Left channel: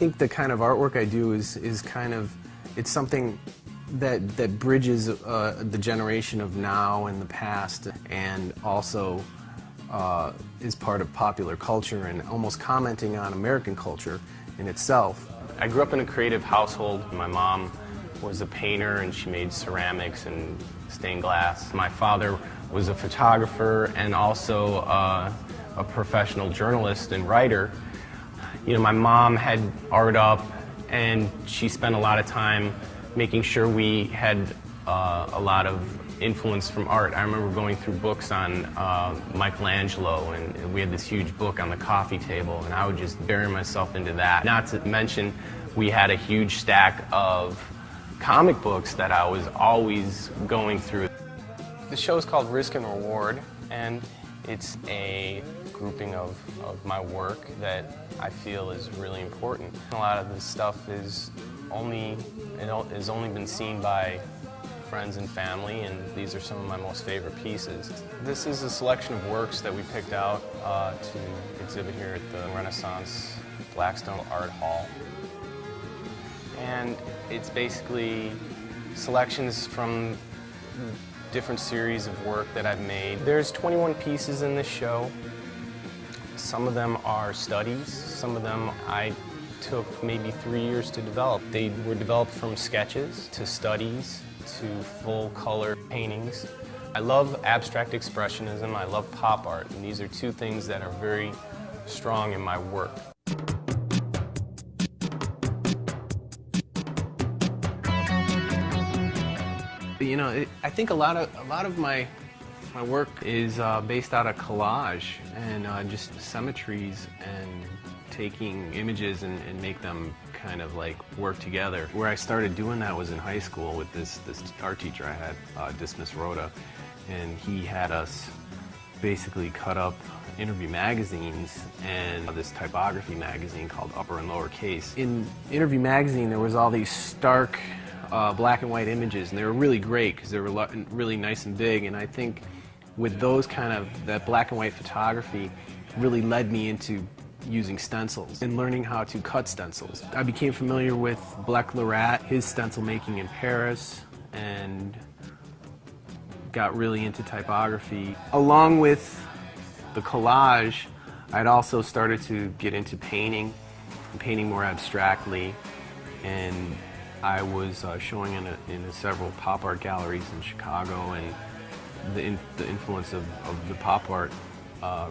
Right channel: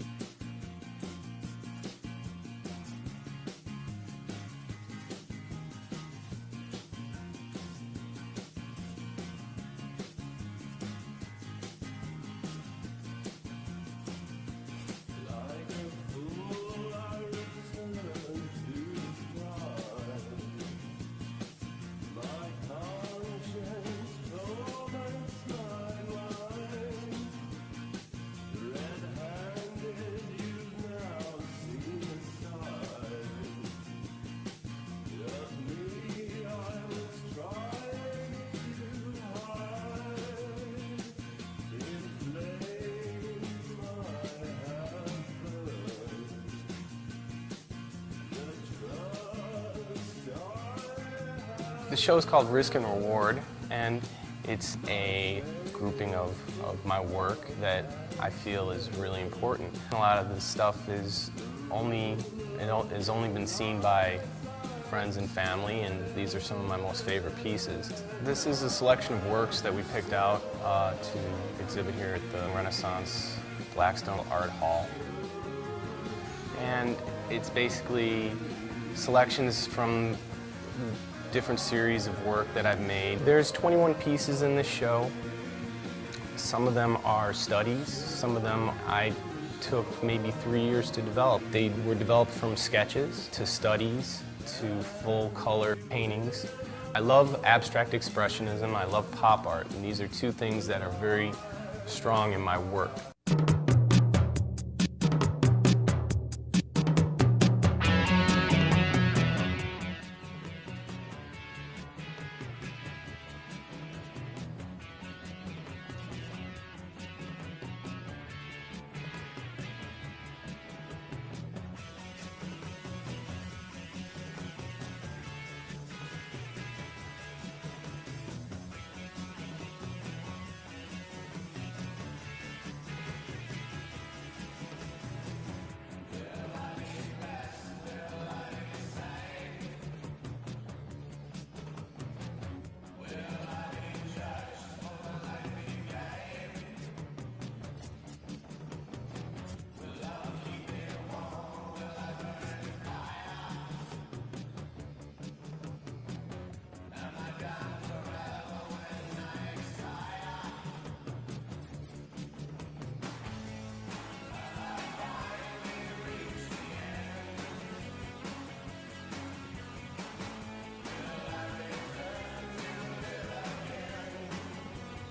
think the kind of artwork I do is kind of, it's something that bridges the generation of now and the past, and also is part of popular culture and almost commenting on American culture in itself. I grew up in a creative household. My mom was a painter and she made ceramics and stained glass. My father was a photographer and also a professional journalist and writer. You know, my mom had art up and she spent a lot of time making sure we had a lot of influence from art. I remember going through books on Michelangelo, and we had this huge book on the coffee table, and I would just bury myself into that. Not to mention, we had a huge stack of comic books that I was always going through. The show is called Risk and Reward, and it's a grouping of my work that I feel is really important. A lot of this stuff has only been seen by friends and family, and these are some of my most favorite pieces. This is a selection of works that we picked out to exhibit here at the Renaissance Blackstone Art Hall. And it's basically selections from different series of work that I've made. There's 21 pieces in this show. Some of them are studies, some of them I took maybe 3 years to develop. They were developed from sketches to studies to full color paintings. I love abstract expressionism, I love pop art, and these are two things that are very strong in my work. You know, I think a lot of my work is based out of collage and just symmetries and taking images and make them kind of like work together. Where I started doing that was in high school with this art teacher I had, Dismiss Rhoda, and he had us basically cut up interview magazines and this typography magazine called Upper and Lower Case. In interview magazine there was all these stark black and white images, and they were really great because they were really nice and big, and I think with those that black and white photography really led me into using stencils and learning how to cut stencils. I became familiar with Black Lerat, his stencil making in Paris, and got really into typography. Along with the collage, I'd also started to get into painting more abstractly, and I was showing in several pop art galleries in Chicago, and the influence of the pop art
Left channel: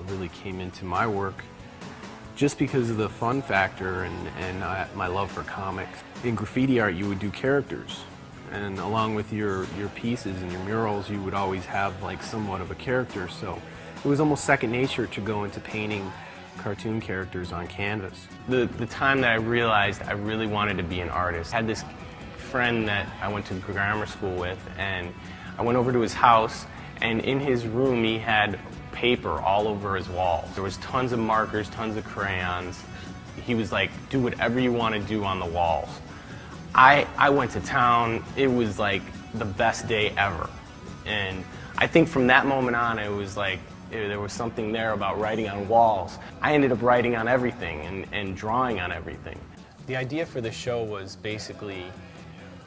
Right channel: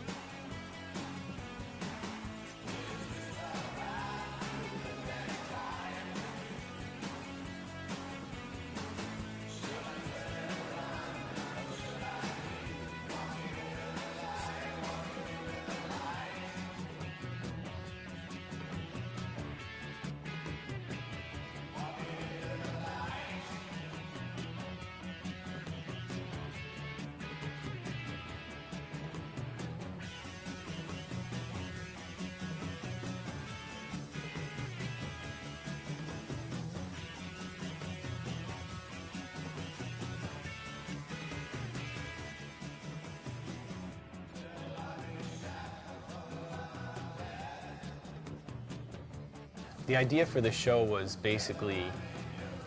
really came into my work just because of the fun factor and my love for comics. In graffiti art, you would do characters, and along with your pieces and your murals, you would always have like somewhat of a character. So it was almost second nature to go into painting cartoon characters on canvas. The time that I realized I really wanted to be an artist, I had this friend that I went to grammar school with, and I went over to his house, and in his room he had paper all over his walls. There was tons of markers, tons of crayons. He was like, do whatever you want to do on the walls. I went to town. It was like the best day ever. And I think from that moment on, it was like, there was something there about writing on walls. I ended up writing on everything and drawing on everything. The idea for the show was basically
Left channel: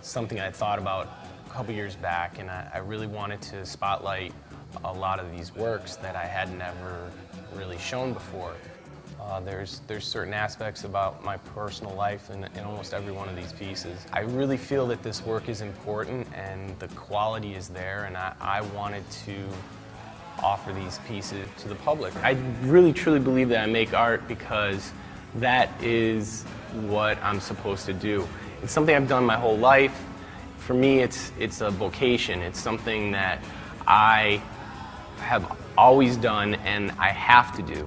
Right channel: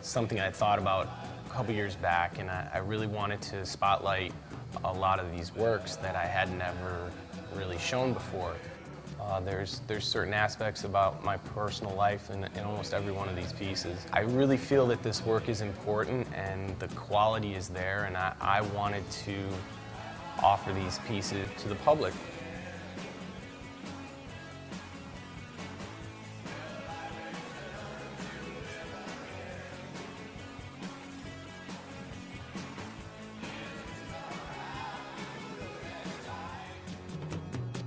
something I thought about a couple years back, and I really wanted to spotlight a lot of these works that I had never really shown before. There's certain aspects about my personal life in almost every one of these pieces. I really feel that this work is important and the quality is there, and I wanted to offer these pieces to the public. I really truly believe that I make art because that is what I'm supposed to do. It's something I've done my whole life. For me, it's a vocation. It's something that I have always done and I have to do.